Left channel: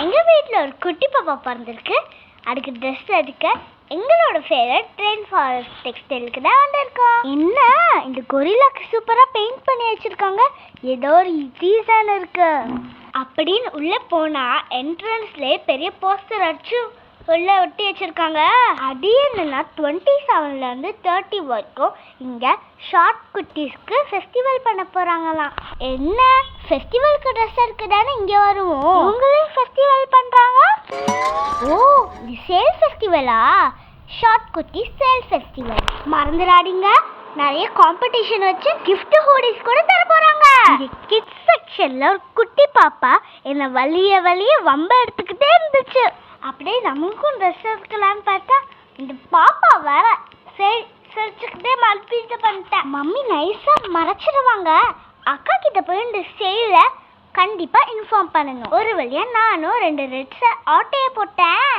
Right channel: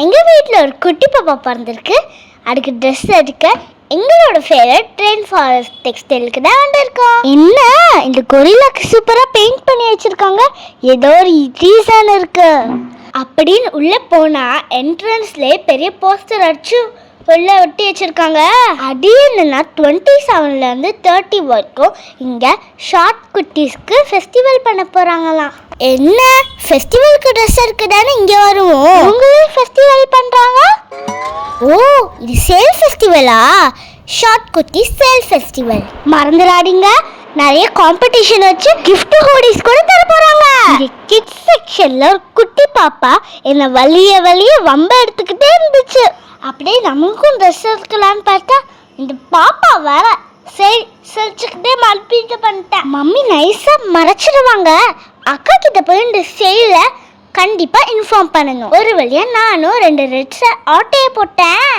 எங்கள் வீட்டில் ஒரு குட்டி பாப்பா பிறந்திருக்கு. அதுக்கு ட்ரெஸ் எடுக்க எங்களோட ஃபேவரட் ட்ரெயின் ஃபாரஸ்ட் டெக்ஸ்டைலுக்கு தான் வந்திருக்கோம். என்ன இந்த கொரில்லாக்கு சூப்பராக பெயிண்ட் பண்ணி வச்சுருக்காங்க, ஏதோ ஒரு ரீசன் இருக்கு அப்படின்னு உள்ளே போனால் என்ட்ரன்ஸ்லேயே பெரிய போஸ்டர் அடிச்சு உள்ள ஒட்டி வச்சிருக்காங்க. அது என்னன்னா 27லேருந்து 30 வரைக்கும் இங்க ஷார்ட் குட்டீஸ்க்கு ஃபெஸ்டிவல் பண்ண போறாங்களாம். என்ன ஃபெஸ்டிவலுக்கு ட்ரெஸ் இருக்குதானே இங்க வருவோம், உங்களும் ஃபெஸ்டிவல் பண்றாங்க. ஓ, இது சேல் ஃபெஸ்டிவலா? ஷார்ட் குட்டி சேல் ஃபெஸ்டிவல் மறந்துடாதீங்க. நிறைய காம்படிஷன் வச்சு கிஃப்ட் ஹோடிஸ் கூட தர போறாங்க. இந்த கிட்ஸ் செக்ஷன்ல ஒரு குட்டி பாப்பா என்ன வலிய வம்ப எடுத்துக்கிட்டே இருந்துச்சு. அப்படியே நமக்கும் ட்ரெஸ் எடுக்கலான்னு பார்த்தா இந்த பாப்பா வேற சரி சிரிச்சுக்கிட்டே மல்பீட்டு பண்ணிட்டேன். மம்மி நைஸா மறைச்சிடுவாங்க. அக்கா கிட்ட போய் இந்த சேல கண்டிப்பா இன்ஃபார்ம் பண்ணணும். ஒரு வழியா நானும் 2 ரெட்ஸை ஆட்டையை போட்டேன்.